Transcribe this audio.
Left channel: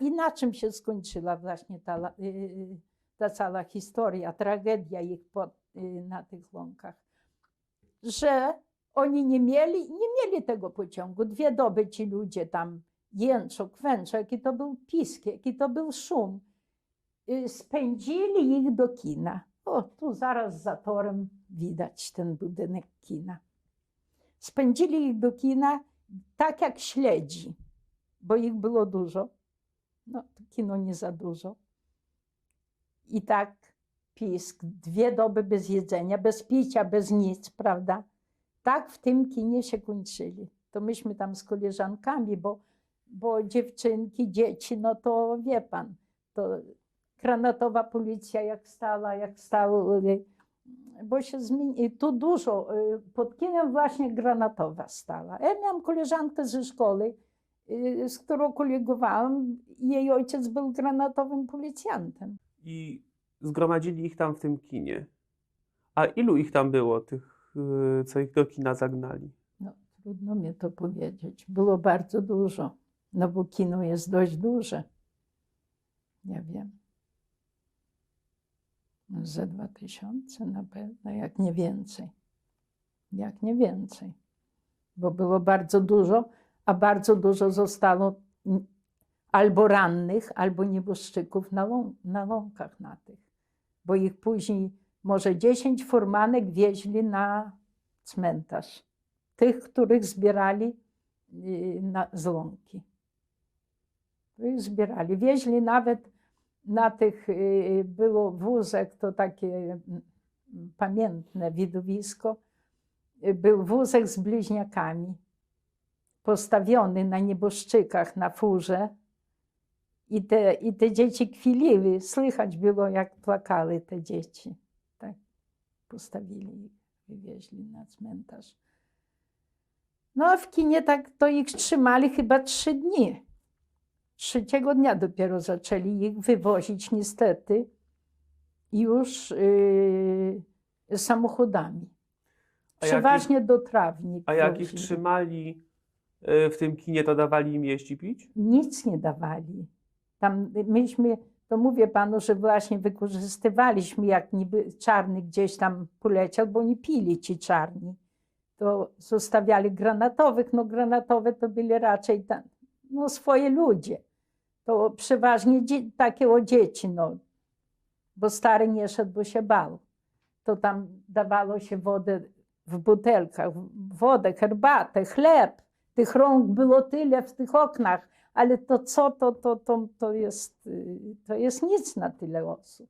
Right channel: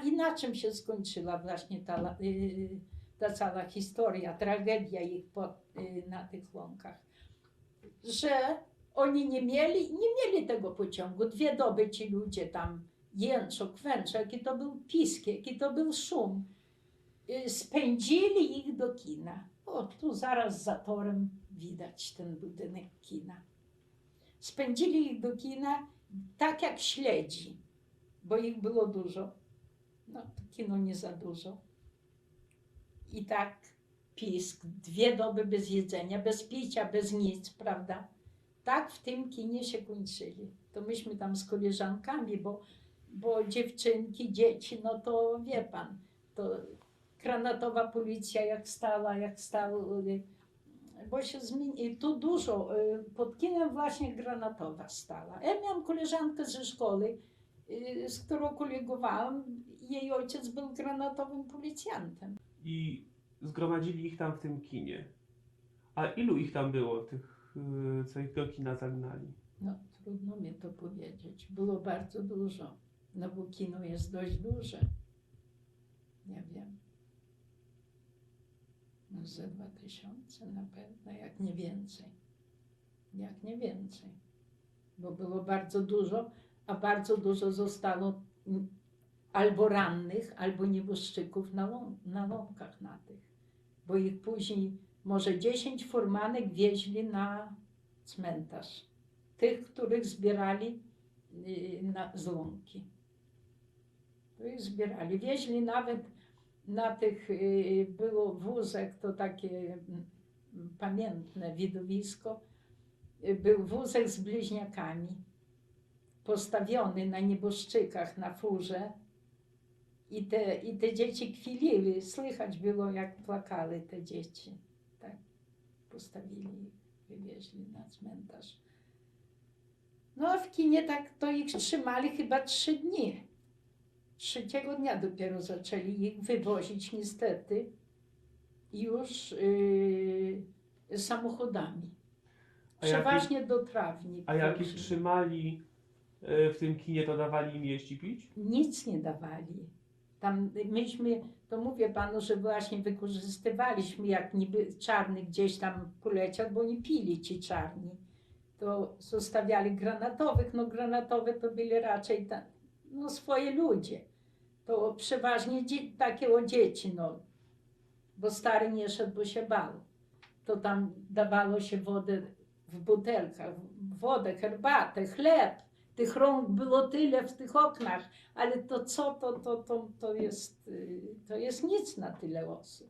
I na czym się skończyła właśnie ta cała historia, tragedia ich na tych łąkach? Że oni nie mieli tego pociągu. 2 doby ci ludzie tam jęczą, kwęczą, jaki to był pisk, jaki to był szum. Spędzili ich do kina. O, tu zaraz za torem widać ten budynek kina. Spędzili ich do kina tak jak śledzi, bo ich było dużo. No, to kino nie za dużo. I tak pisk, 2 doby bez jedzenia, bez picia, bez nic, prawda? Tak w tym kinie się kończyli. To myśmy tam z koleżankami, bo dziewczynki, dzieci, no to wie pan, to granatowa policja jak stała, bo się zmieni, tu dużo, pod kinem właśnie granatowa stała. Ja miałam koleżankę ze szkoły, z którą kolegowałam, jej ojciec był granatowym policjantem. I zgromadzili ich tam w tym kinie. A ilu ich tam było, tych, co ich do kina zagnali? No, trudno mi to powiedzieć. Było bardzo dużo, no bo kino jest dość duże. Ja wiem. No, ze 2000 na pewno, jak nie więcej. Jak nie więcej. Bo było bardzo dużo, a bardzo dużo zostało albo rannych, albo nieboszczyków na łąkach na tych. Bo ich później może 10 furmanek wieźli na cmentarz. Tych, których zbierali z łąki. Ich zbierali. Wieźli nawet na tych, było wózek, to takie pamiętne widowisko, był wózek z bliźniakami, postawiony na nieboszczykach, na furze. I te dzieci kwiliły, słychać było, jak płakały te dzieci. Tak, postawili ich, wywieźli na cmentarz. No a w kinie tak to ich trzymali chyba 3 dni. 3. dnia dopiero zaczęli ich wywozić niestety już samochodami. Przeważnie do Trawnik. A jak ich trzymali w tym kinie, to dawali im jeść i pić? Nic nie dawali. Tam myśmy, to mówię panu, że właśnie wykorzystywaliśmy, jak niby czarny gdzieś tam poleciał, bo nie pili ci czarni. To zostawiali granatowych, no granatowe to byli raczej tam, no swoje ludzie. To przeważnie takie o dzieci, no. Bo stary nie szedł, bo się bał. To tam dawało się wodę w butelkach, wodę, herbatę, chleb. Tych rąk było tyle w tych oknach, ale to co, to jest nic na tyle osób.